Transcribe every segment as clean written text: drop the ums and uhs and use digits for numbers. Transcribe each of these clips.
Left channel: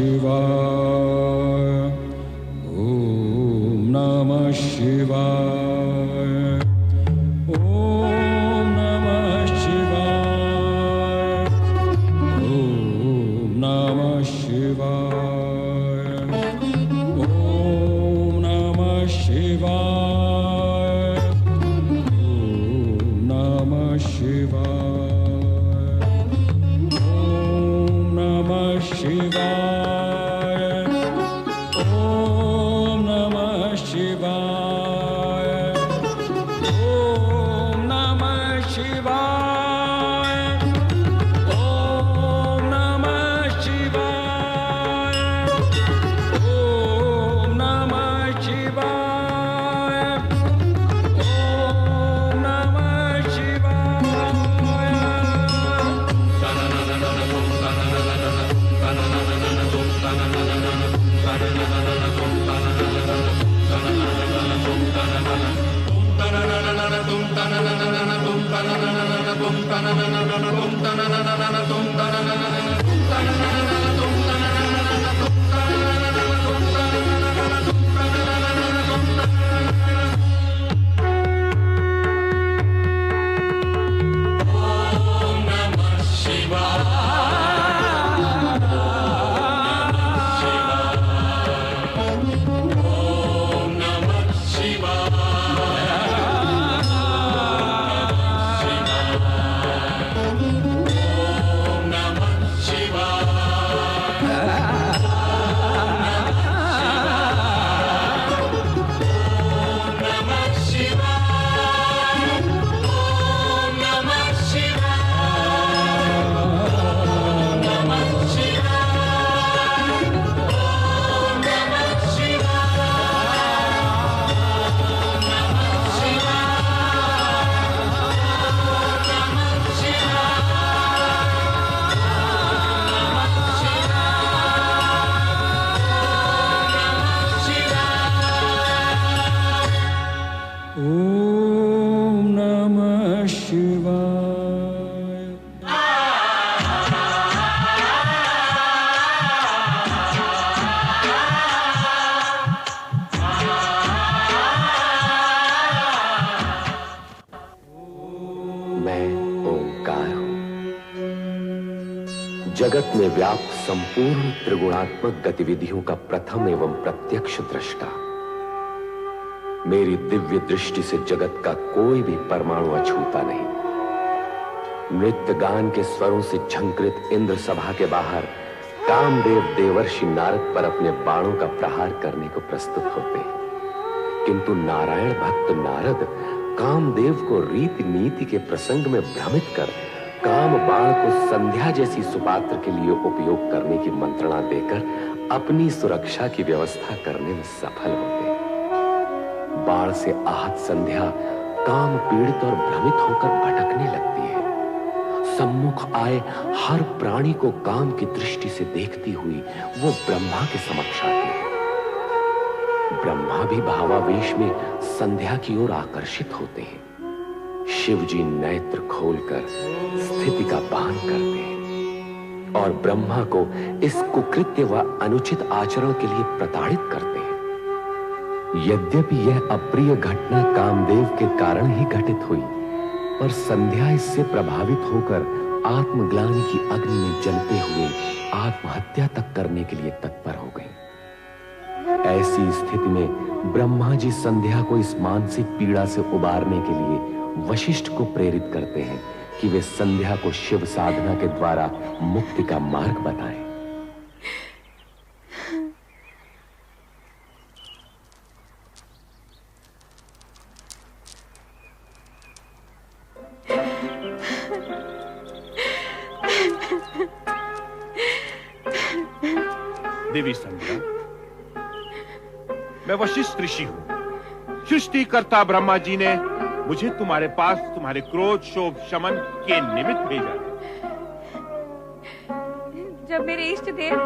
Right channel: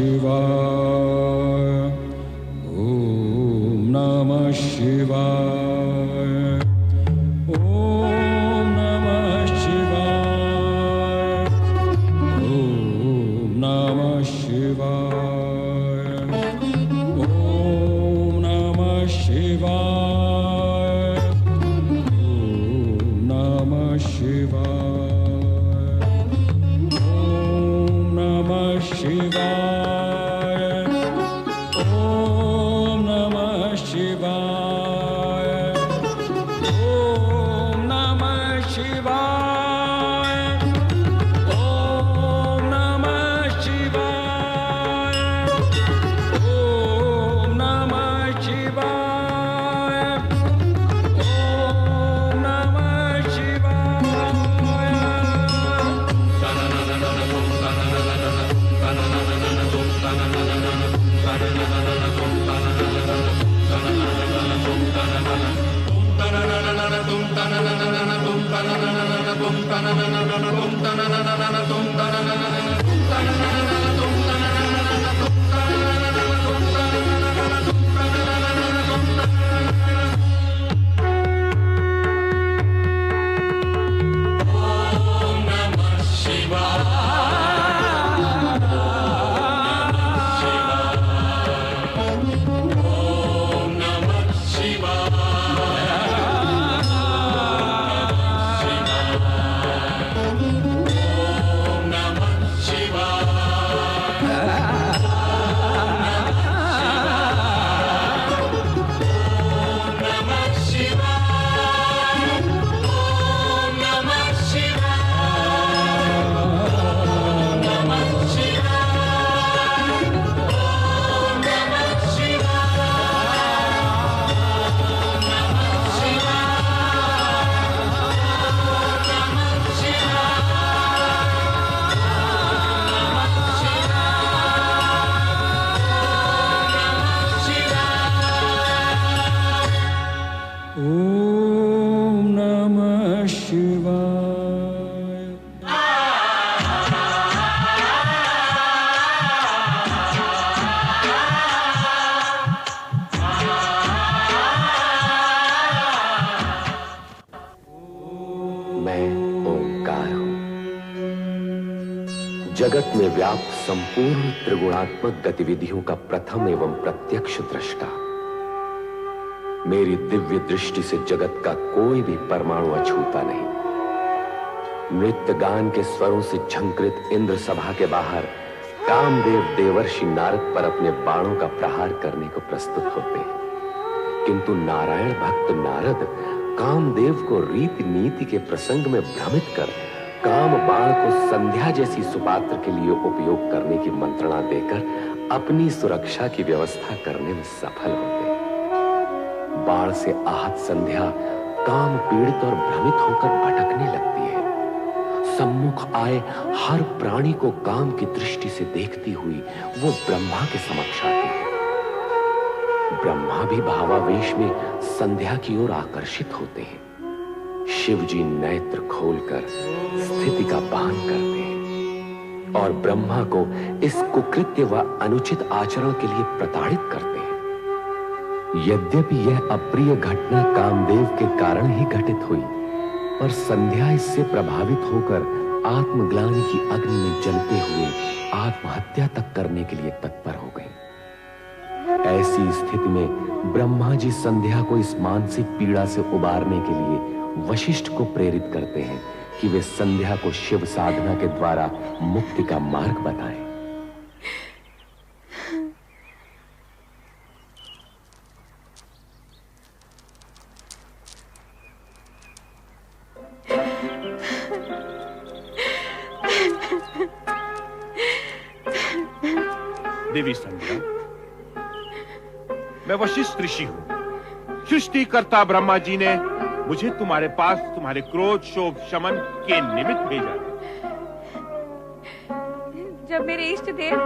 शिवाय। ओम नमः शिवाय। ओम नमः शिवाय। ओम नमः शिवाय। ओम नमः शिवाय। ओम नमः शिवाय। ओम नमः शिवाय। ओम नमः शिवाय। ओम नमः शिवाय। ओम नमः शिवाय। ओम नमः शिवाय। ओम नमः शिवाय। मैं ओंकार हूं, जगत में व्याप्त संपूर्ण त्रिगुणात्मक गतिविधियों का प्रथम एवं प्रत्यक्ष दृष्टा। मेरी दिव्य दृष्टि से जगत का कोई भी परमाणु अछूता नहीं। नृत्य गान के स्वरों से झंकृत इंद्र सभा के बाहर कामदेव देवर्षि नारद पर अपने बाणों का प्रहार करने को प्रस्तुत होते हैं, किंतु नारायण भक्त नारद कामदेव को रीति नीति के प्रसंग में भ्रमित कर काम बाण को संध्या जैसी सुपात्र के लिए उपयोग करने की मंत्रणा देकर अपनी सुरक्षा की व्यवस्था करने में सफल होते हैं। बाण से आहत संध्या काम पीड़ित और भ्रमित होकर भटकने लगती है। सम्मुख आए हर प्राणी को काम की दृष्टि से देखती हुई वो ब्रह्मा के समक्ष आती है। ब्रह्मा भी भावावेश में संध्या की ओर आकर्षित होते हैं। शिव जी नेत्र खोलकर स्थिति का भान करते हैं और ब्रह्मा को इस कुकृत्य व अनुचित आचरण के लिए प्रताड़ित करते हैं। यद्यपि यह अप्रिय घटना कामदेव के कारण ही घटित हुई, पर संध्या इससे प्रभावित होकर आत्मग्लानि की अग्नि में जलते हुए आत्महत्या तक करने के लिए तत्पर हो गई। ऐसी स्थिति में ब्रह्मा जी संध्या को इस मानसिक पीड़ा से उबारने के लिए वशिष्ठ को प्रेरित करते हैं कि वे संध्या को शिव साधना के द्वारा मुक्ति का मार्ग बताएं। देवी संध्या, मैं वशिष्ठ ऋषि हूं। सृष्टिकर्ता ब्रह्मा जी ने मुझे तुम्हारे पास तुम्हारे क्रोध शोभ शमन के निमित्त भेजा। जब मेरे इष्ट देव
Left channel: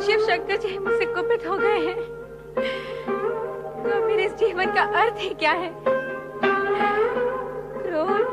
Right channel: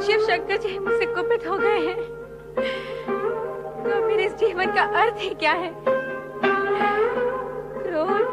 शिव शंकर जी मुझसे कुपित हो गए हैं, तो मेरे इस जीवन का अर्थ ही क्या है? क्रोध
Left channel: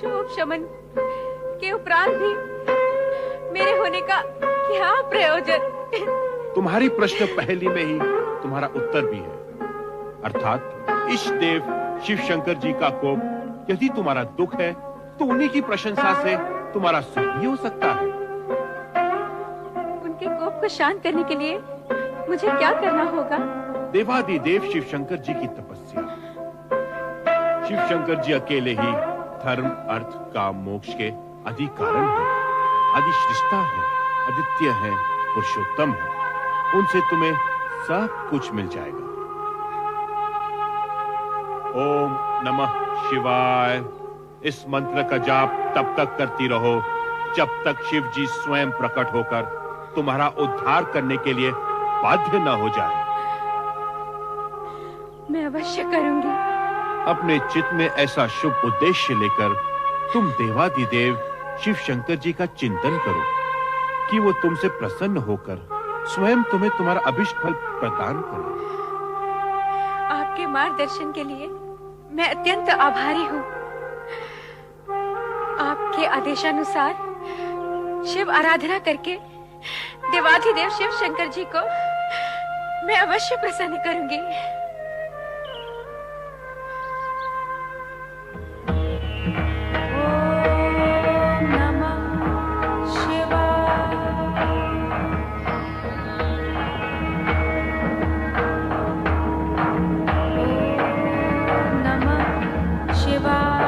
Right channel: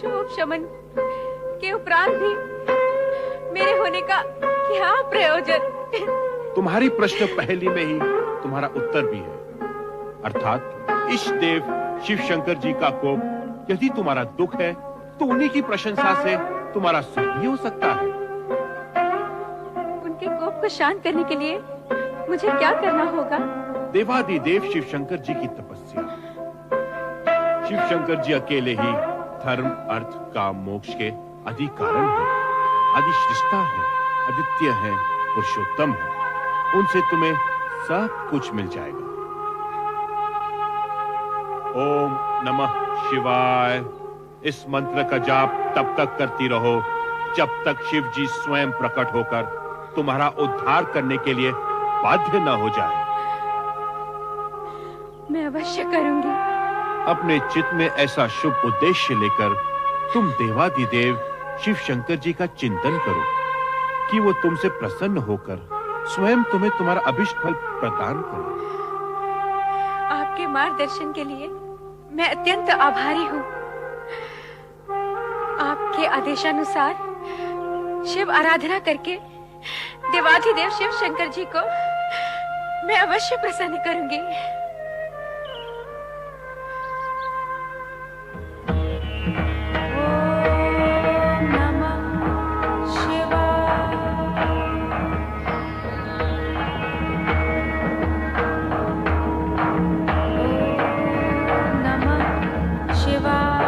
शोभ शमन के उपरांत भी मेरे होने का क्या प्रयोजन? तुम्हारी प्रश्न पहेली में ही तुम्हारा उत्तर भी है। अर्थात इष्ट देव शिव शंकर जी का कोप यदि तुम्हारा दुख है तो उन्हीं की प्रशंसा से तुम्हारा सुख भी हो सकता है। उनके कोप को शांत करने के लिए मुझे क्या करना होगा? देवादिदेव शिव शंकर जी की तपस्या। शिव शंकर जी अकेले ही धर्म, अर्थ, काम, मोक्ष के आदि कारण है, आदि सृष्टा है, अद्वितीय है, पुरुषोत्तम है। उनसे तुम्हें सब कुछ मिल जाएगा। ओम नमः शिवाय इस मंत्र का जाप तब तक करती रहो जब तक शिव जी स्वयं प्रकट होकर तुम्हारा उद्धार करने के लिए बाध्य न हो जाए। मैं अवश्य करूंगी। अपने चित्त में ऐसा शुभ उद्देश्य लेकर तुम देवादिदेव शिव शंकर जी का चिंतन करो कि वो तुमसे प्रसन्न होकर स्वयं तुम्हें तुम्हारा अभिष्ट फल प्रदान करे। आपके मार्गदर्शन के लिए मैं अत्यंत आभारी हूँ। आपके आदेशानुसार शिव आराधना करके देवाधिदेव शिव शंकर जी को मैं अवश्य प्रसन्न करूंगी। ओम नमः शिवाय। ओम नमः शिवाय।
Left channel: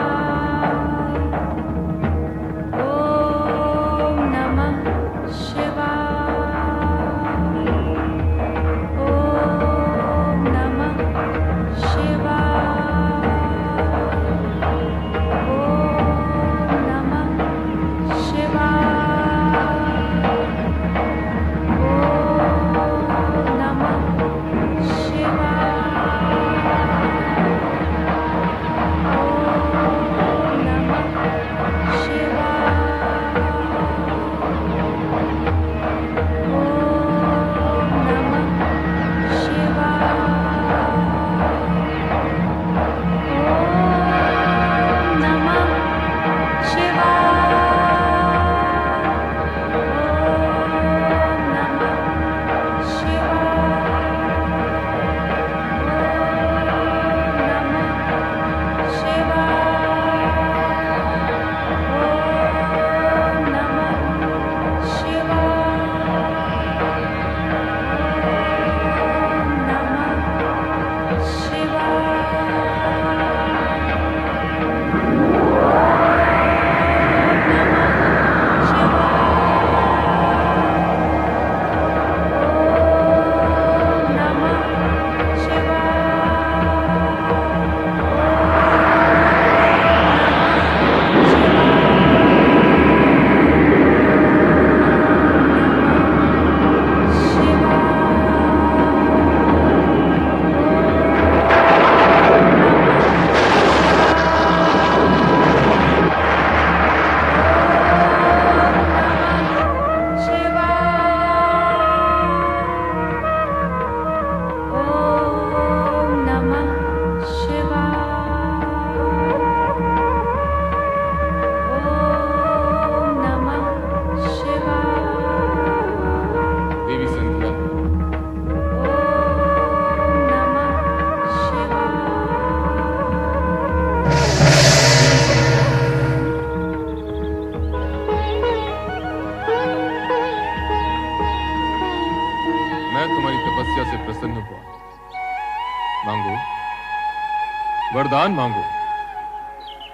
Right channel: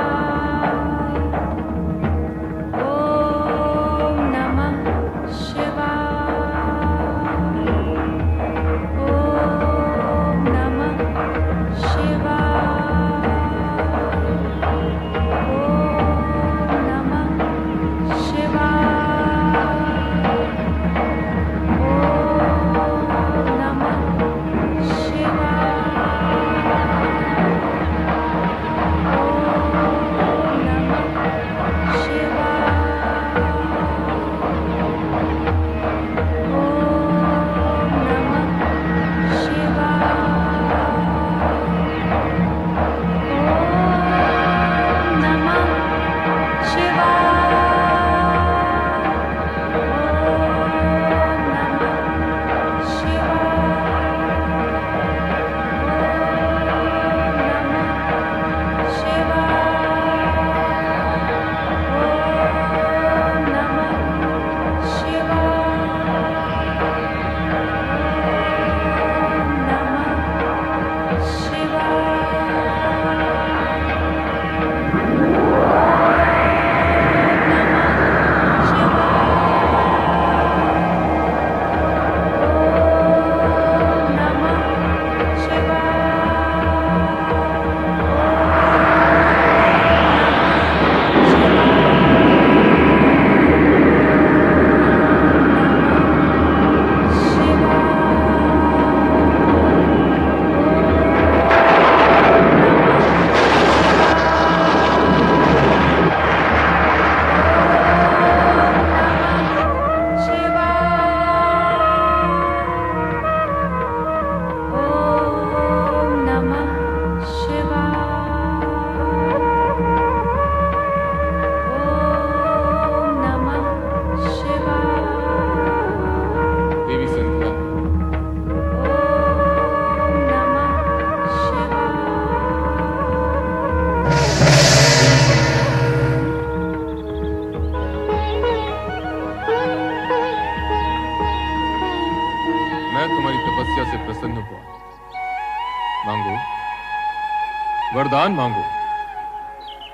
वरदान मांगो।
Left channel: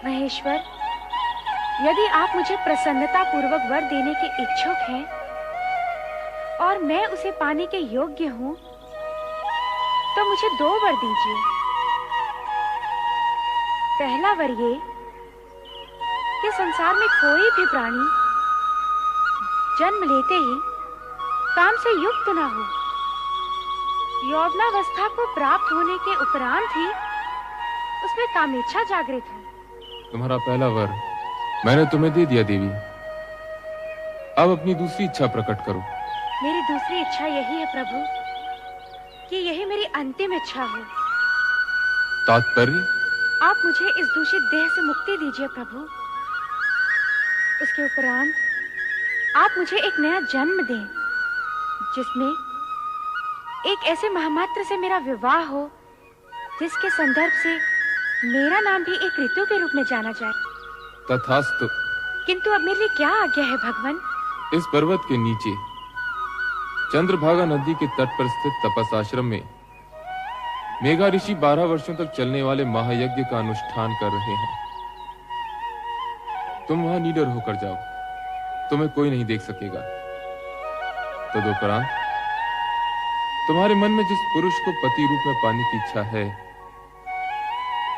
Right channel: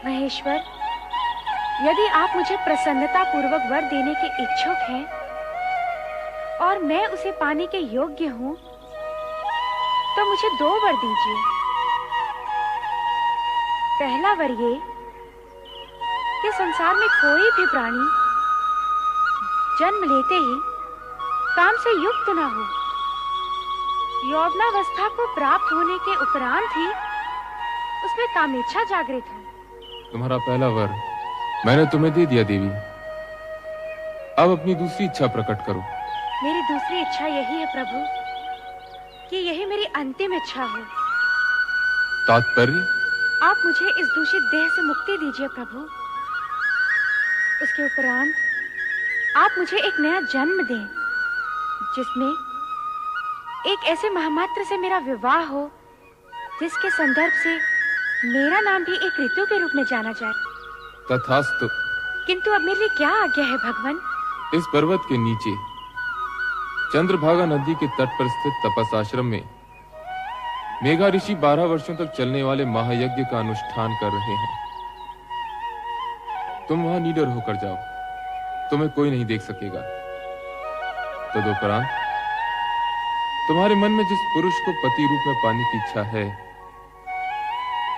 महेश्वर, यदि आप मुझे प्रसन्नता पूर्वक वर देने के इच्छुक हैं और मैं उसे पाने के योग्य हूँ, तो मुझे 2 वर दीजिए। पहला वर ये कि संसार में कोई भी प्राणी जन्म लेते ही काम से युक्त न हो। यौवनावस्था को प्राप्त होने के उपरांत ही उसमें कामेच्छा जागृत हो। तुम्हारा पहला वर मैंने तुम्हें दे दिया देवी। अब अपनी दूसरी इच्छा प्रकट करो। मेरी दूसरी इच्छा यही है प्रभु कि यही मेरी अंतिम इच्छा हो। तात्पर्य? आप मुझे इस दूषित देह से मुक्ति दीजिए प्रभु। उसके उपरांत आप मुझे एक नया जन्म दें, जिसमें एक ऐसे महामात्र से मेरा विवाह हो जिसके संदर्भ से मेरा नाम भी एक ऋतु के रूप में जाना जाए। तथास्तु। किंतु अब मेरे लिए क्या आज्ञा है भगवान? इस पर्वत के नीचे चंद्रभागा नदी के तट पर स्थित तपस आश्रम में मेघा ऋषि 12 वर्षों तक चलने वाले महायज्ञ का अनुष्ठान कर रहे हैं। तुम वहां निडर होकर जाओ, तुम्हें कोई नहीं देख सकेगा। तदुपरांत तुम्हारे मन में जिस पुरुष को पति रूप में पाने की इच्छा है,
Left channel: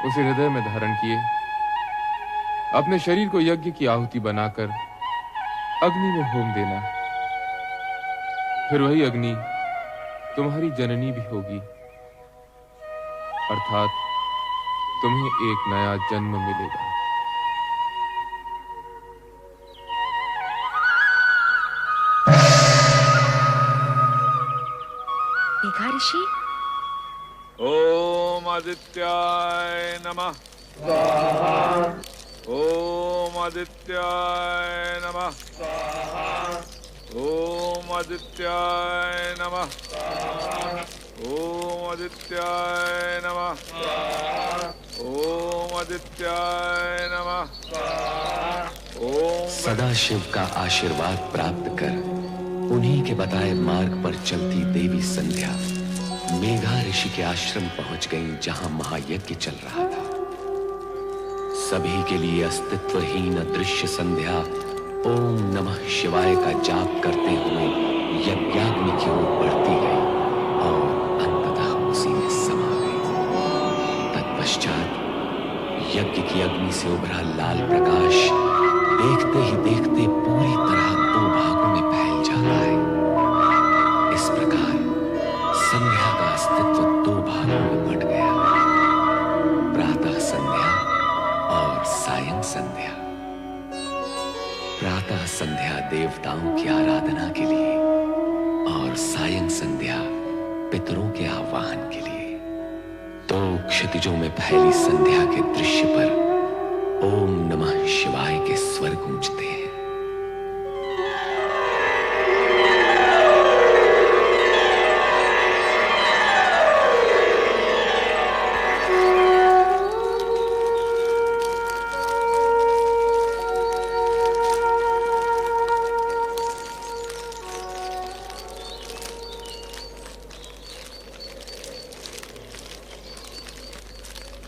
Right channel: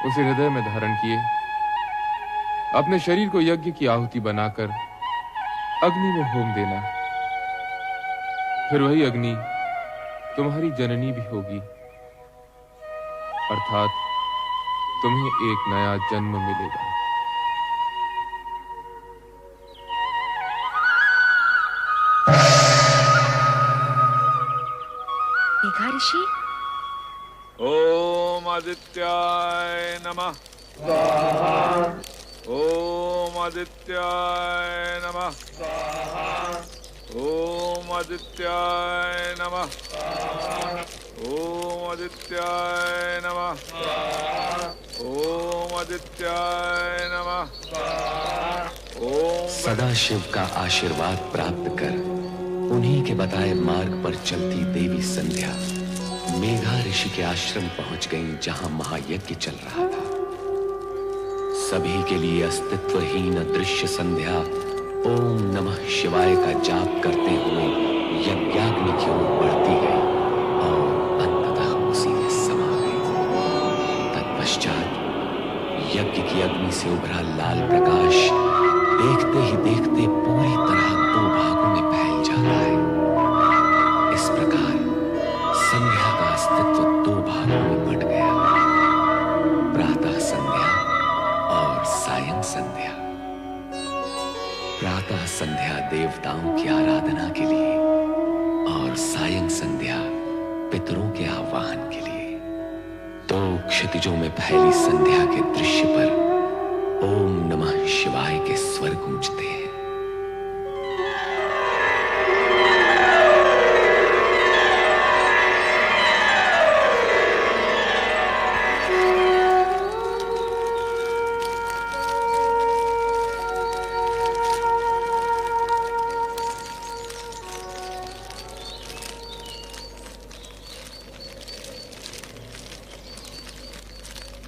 उसे हृदय में धारण किए अपने शरीर को यज्ञ की आहुति बनाकर अग्नि में होम देना। फिर वही अग्नि तुम्हारी जननी भी होगी, अर्थात तुम्हें एक नया जन्म मिलेगा। मेघा ऋषि, ओम आदित्याय नमः स्वाहा। ओम आदित्याय नमः स्वाहा। ओम आदित्याय नमः स्वाहा। ओम आदित्याय नमः स्वाहा। ओम आदित्याय नमः स्वाहा। ओम सदाशिव का आशीर्वाद प्राप्त कर उन्हीं के बताए मार्ग पर चलती देवी संध्या मेघा ऋषि के आश्रम पहुंच गईं, जहां महायज्ञ चल रहा था। सभी के लिए अस्तित्वहीन अदृश्य संध्या ओम नमः शिवाय का जाप करते हुए यज्ञाग्नि की ओर बढ़ती गई और अंततः उसी में समा गई। तत्पश्चात यज्ञ की अग्नि से उभरा लाल प्रकाश देखते ही देखते पूरी तरह दो भागों में फैल जाता है। इस प्रकार संध्या का अस्तित्व दो भागों में बंट गया, प्रातः संध्या और सायं संध्या। प्रातः संध्या देवताओं की आराधना के लिए और सायं संध्या पितरों के आह्वान के लिए। तो क्षितिजों में फैली संध्या के दृश्य पर ओम नमः शिवाय के स्वर गूंजते हैं।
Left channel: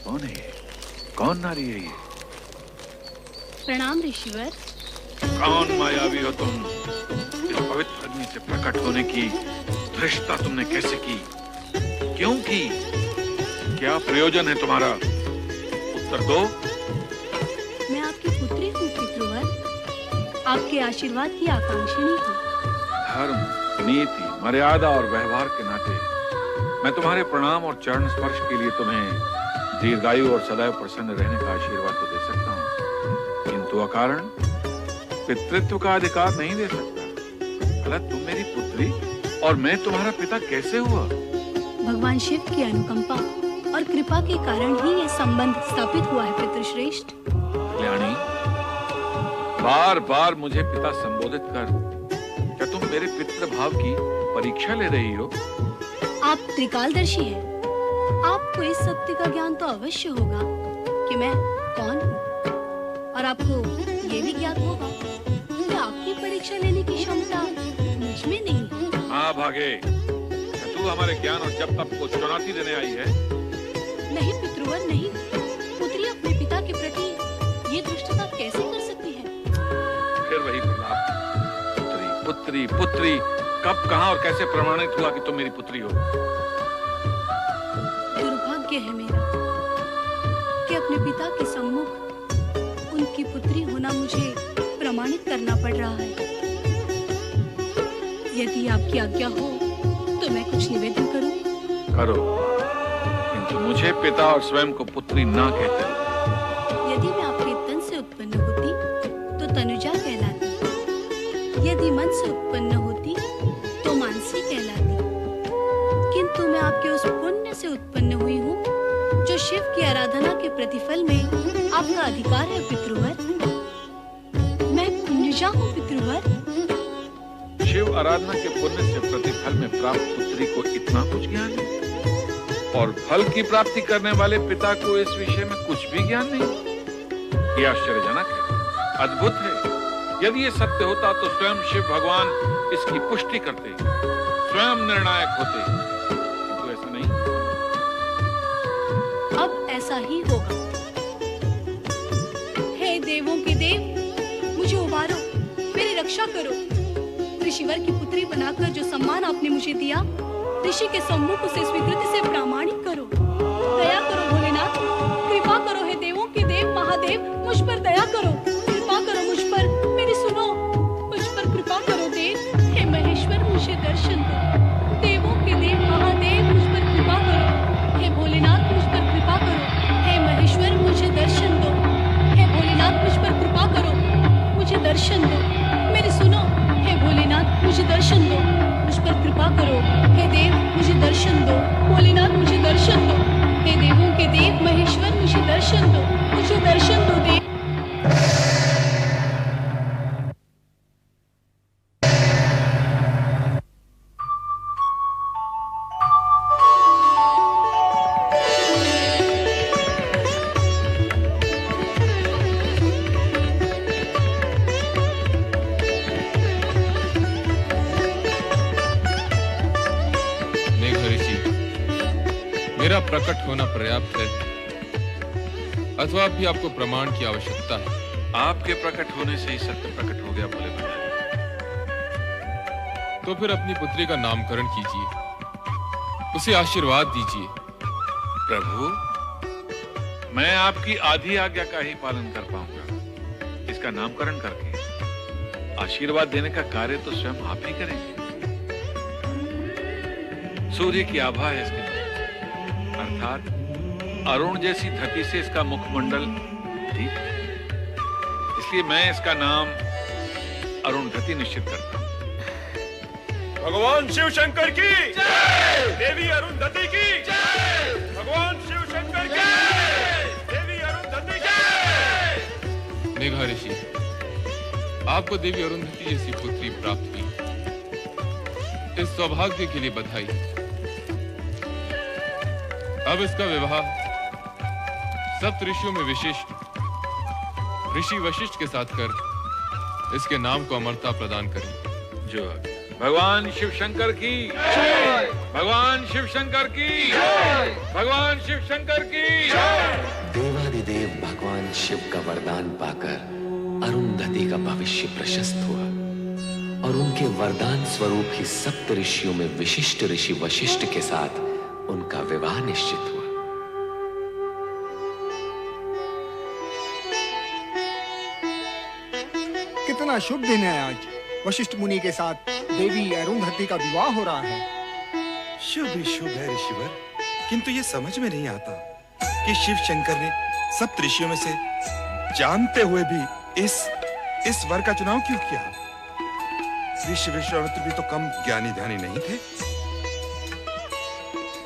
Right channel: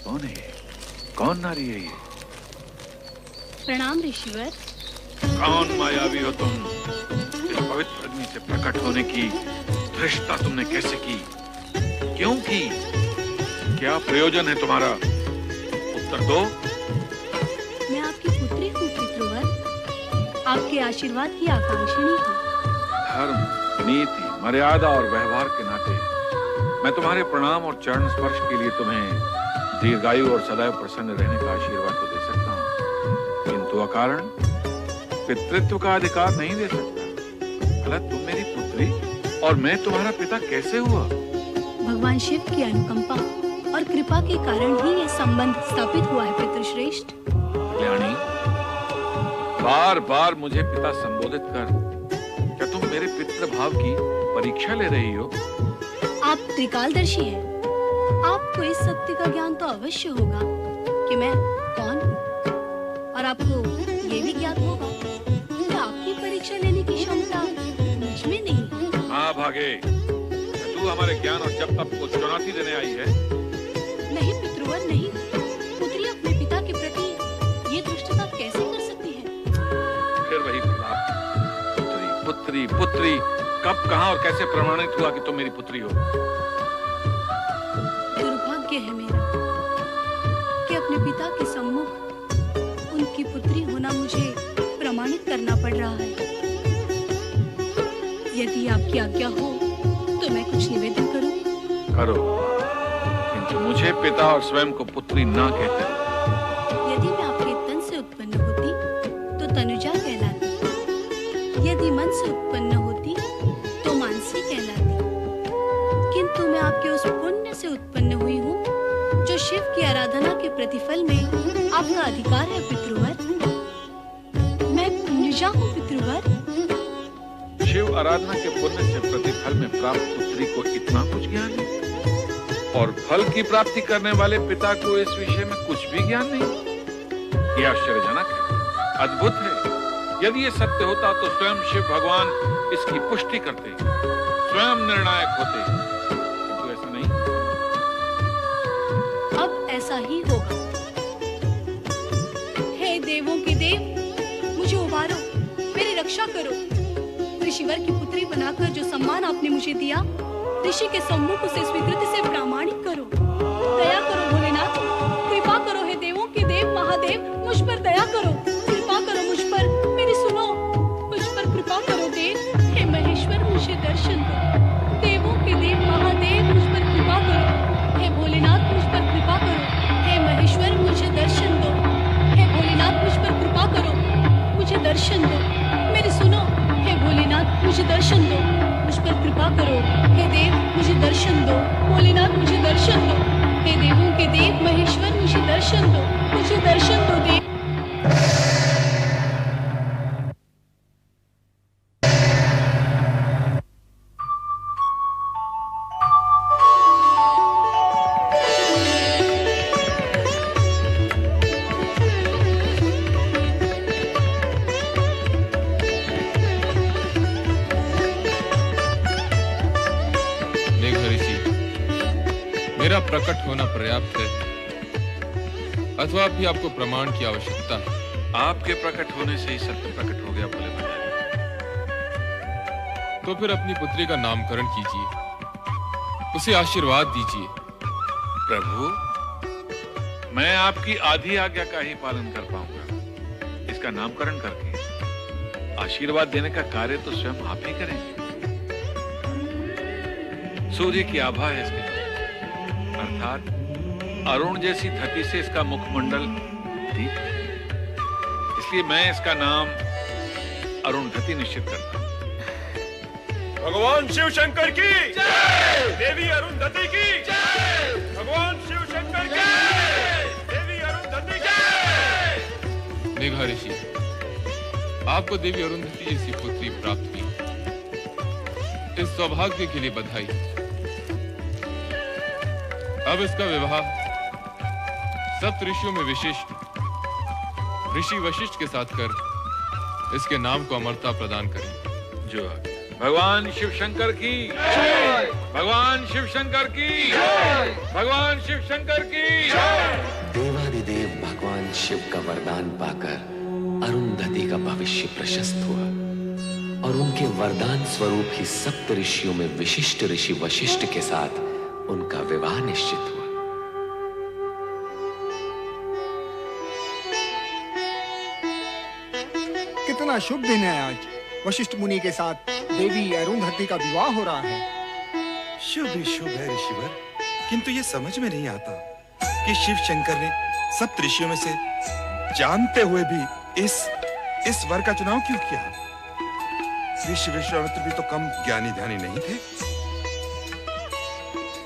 कौन है ये? कौन नारी है ये? प्रणाम ऋषिवर। कौन मायावी हो तुम? इस पवित्र अग्नि से प्रकट होने की धृष्टता तुमने कैसे की? क्यों की? क्या प्रयोजन है तुम्हारा? उत्तर दो। मैं आपकी पुत्री हूँ पितृवर, आपके आशीर्वाद की आकांक्षिणी हूँ। धर्म, नीति, मर्यादा और व्यवहार के नाते मैं तुम्हारे प्रणाम और चरण स्पर्श के लिए तुम्हें दीर्घायु और सदैव प्रसन्न रहने का आशीर्वाद तो दे सकता हूँ, किंतु अकारण पितृत्व का अधिकार नहीं दे सकता। भला तुम मेरी पुत्री और मैं तुम्हारा पिता कैसे हुआ? भगवान शिव की अनुकंपा और कृपा के कारण ही ये संबंध स्थापित हुआ है पितृश्रेष्ठ। कल्याणी, बार बार मुझे पिता संबोधित कर क्या तुम मेरे पितृभाव की परीक्षा ले रही हो? आप त्रिकालदर्शी हैं। आपको इस सत्य का ज्ञान तो अवश्य होगा कि मैं कौन हूँ, और आपको ये भी ज्ञात होगा कि आपकी परीक्षा लेने की क्षमता मुझ में नहीं है। हाँ भागे, क्या तू हमारे ज्ञान और जप तप को चुनौती देने आई है? नहीं पितृवर नहीं, पुत्री अपने पिता के प्रति ये दुष्टता कैसे कर सकती है? फिर वही प्रलाप, पुत्री पुत्री पुत्री। कब, कहाँ और कैसे प्रमाणित हुआ कि तुम मेरी पुत्री हो? दुर्भाग्य है मेरा कि अपने पिता के सम्मुख उनकी पुत्री होना मुझे प्रमाणित करना पड़ रहा है। यदि आपकी आज्ञा हो तो मैं कुछ निवेदन करूं? करो, किंतु मुझे पिता और स्वयं को पुत्री ना कहते हो। यदि मैं आपके तन से उत्पन्न होती तो तनुजा कहलाती, यदि मन से उत्पन्न होती तो मानसी कहलाती, किंतु मैं आपके उस पुण्य से उत्पन्न हुई हूँ जो शिव की आराधना के प्रतिफल में आपका अधिकार है पितृवर। मैं पुण्यजा हूँ पितृवर। शिव आराधना के पुण्य से प्रतिफल में प्राप्त पुत्री को इतना कुछ ज्ञान है और फल की प्राप्ति करने वाले पिता को इस विषय में कुछ भी ज्ञान नहीं। यह आश्चर्यजनक है, अद्भुत है। यदि ये सत्य होता तो स्वयं शिव भगवान इसकी पुष्टि करते, स्वयं निर्णायक होते, किंतु ऐसा नहीं। अब ऐसा ही होगा। हे देवों के देव, मुझे उबारो, मेरी रक्षा करो। ऋषिवर की पुत्री बनाकर जो सम्मान आपने मुझे दिया, ऋषि के सम्मुख उसे स्वीकृति से प्रामाणिक करो। दया करो भोलेनाथ, कृपा करो। हे देवों के देव महादेव, मुझ पर दया करो, कृपा करो मुझ पर, मेरी सुनो, मुझ पर कृपा करो देव। हे महेश्वर, मुझे दर्शन दो। देवों के देव महादेव, मुझ पर कृपा करो। हे भोलेनाथ, मुझ पर कृपा करो। हे महेश्वर, मुझे दर्शन दो। हे भोलेनाथ, मुझ पर कृपा करो, मुझे दर्शन दो। मेरी सुनो, हे भोलेनाथ, मुझे दर्शन दो, मुझ पर कृपा करो। हे देव, मुझे दर्शन दो। भोलेनाथ, मुझे दर्शन दो। हे देवों के देव महेश्वर, मुझे दर्शन दो, मुझे दर्शन दो देव। मेरा प्रकट होना पर्याप्त है अथवा भी आपको प्रमाण की आवश्यकता है? आपके प्रकट होने से ही सत्य प्रकट हो गया भोले भंडारी। तो फिर अपनी पुत्री का नामकरण कीजिए, उसे आशीर्वाद दीजिए। प्रभु, मैं आपकी आधी आज्ञा का ही पालन कर पाऊंगा। इसका नामकरण करके आशीर्वाद देने का कार्य तो स्वयं आप ही करेंगे। सूर्य की आभा है इसके अर्थात अरुण जैसी धरती से इसका मुखमंडल दीप है, इसलिए मैं इसका नाम अरुणधति निश्चित करता हूं। भगवान शिव शंकर की जय, देवी अरुणधति की जय, भगवान शिव शंकर की जय, देवी अरुणधति की जय। मेघा ऋषि, आपको देवी अरुणधति जैसी पुत्री प्राप्त हुई, इस सौभाग्य के लिए बधाई। अब इसका विवाह सप्त ऋषियों में विशिष्ट ऋषि वशिष्ठ के साथ कर इसके नाम को अमरता प्रदान करें। जो भगवान शिव शंकर की जय, भगवान शिव शंकर की जय, भगवान शिव शंकर की जय। देवादिदेव भगवान शिव का वरदान पाकर अरुणधति का भविष्य प्रशस्त हुआ और उनके वरदान स्वरूप ही सप्त ऋषियों में विशिष्ट ऋषि वशिष्ठ के साथ उनका विवाह निश्चित हुआ। कितना शुभ दिन है आज। वशिष्ठ मुनि के साथ देवी अरुणधति का विवाह हो रहा है। शुभ ही शुभ है ऋषिवर, किंतु ये समझ में नहीं आता कि शिव शंकर ने सप्त ऋषियों में से जानते हुए भी इस वर का चुनाव क्यों किया? ऋषि विश्वामित्र भी तो कम ज्ञानी ध्यानी नहीं थे।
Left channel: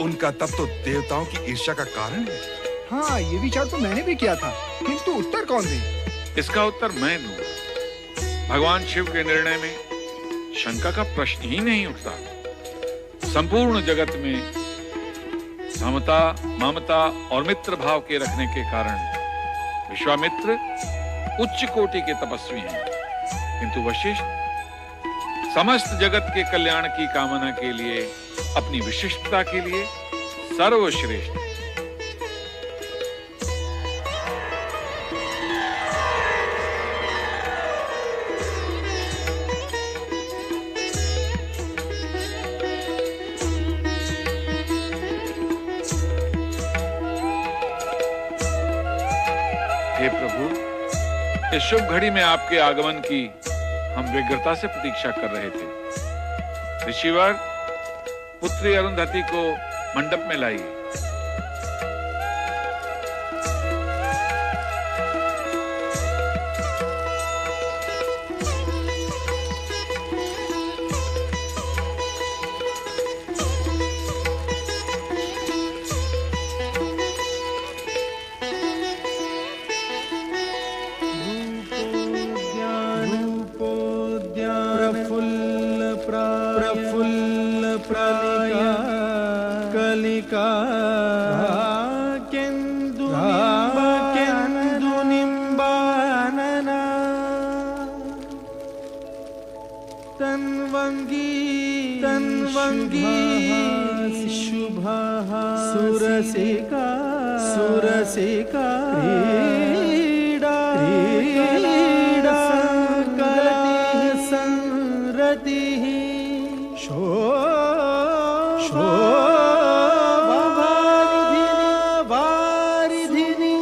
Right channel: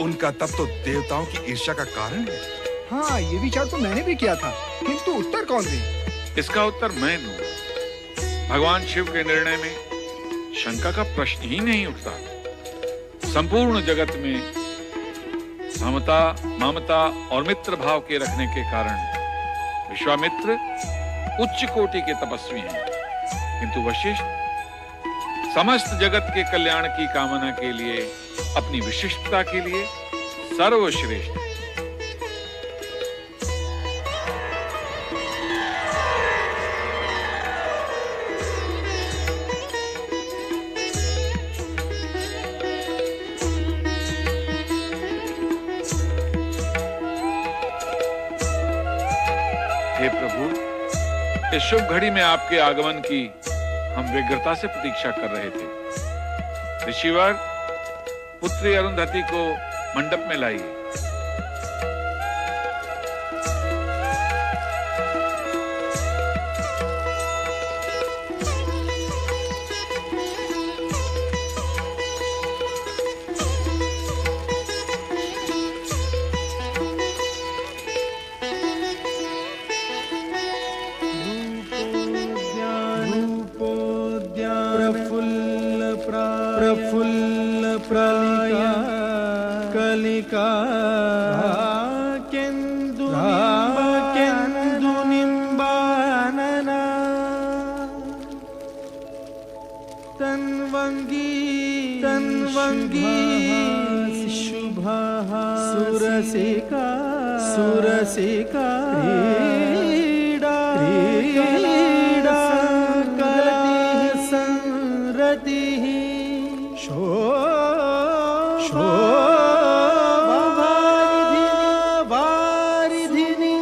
उनका तप तो देवताओं की ईर्ष्या का कारण है। हाँ, ये विचार तो मैंने भी किया था, किंतु उत्तर कौन दे? इसका उत्तर मैं दूंगा। भगवान शिव के निर्णय में शंका का प्रश्न ही नहीं उठता। संपूर्ण जगत में समता, ममता और मित्र भाव के रखने के कारण विश्वामित्र उच्च कोटि के तपस्वी हैं, किंतु वशिष्ठ समस्त जगत के कल्याण की कामना के लिए, अपनी विशिष्टता के लिए सर्वश्रेष्ठ है। हे प्रभु, इस शुभ घड़ी में आपके आगमन की हम व्यग्रता से प्रतीक्षा कर रहे थे। ऋषिवर, पुत्री अरुणधति को मंडप में लाइए। प्रफुल्ल प्रफुल्ल कलिका कलिका केन्दुनिम्बानन तन्वंगी शुभाः सुरसिका क्रीडा संरतिः शोभावारिधिनि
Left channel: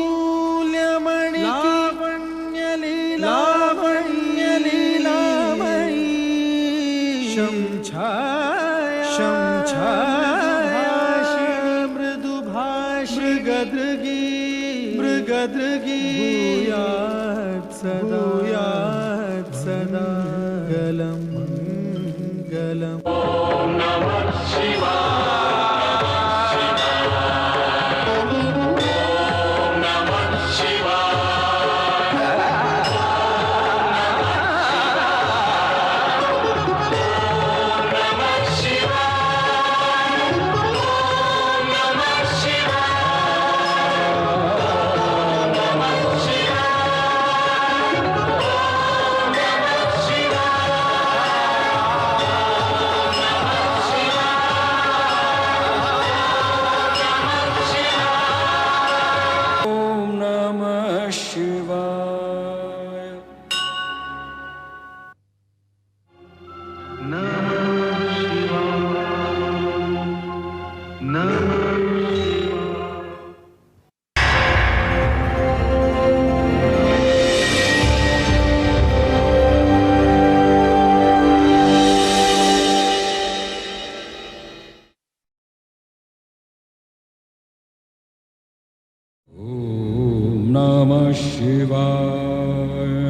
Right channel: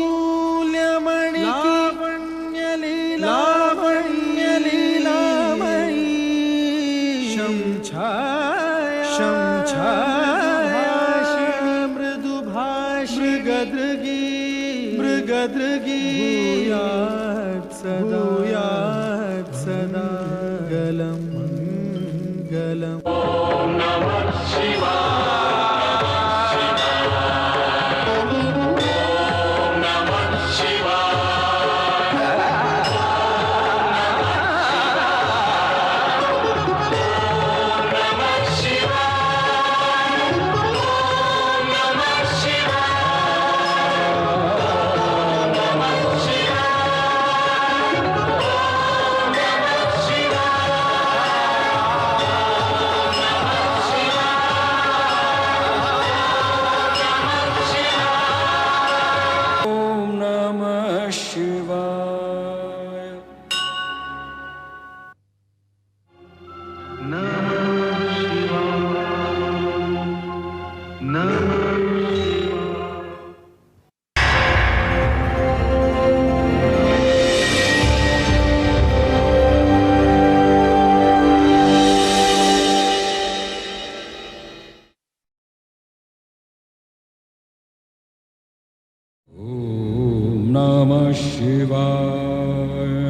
मूल्यमणि लावण्यलीलामणि शंछायाभाषिणि मृगदृगी भूयात् सदा गलम् ओम नमः शिवाय ओम नमः शिवाय नमः शिवाय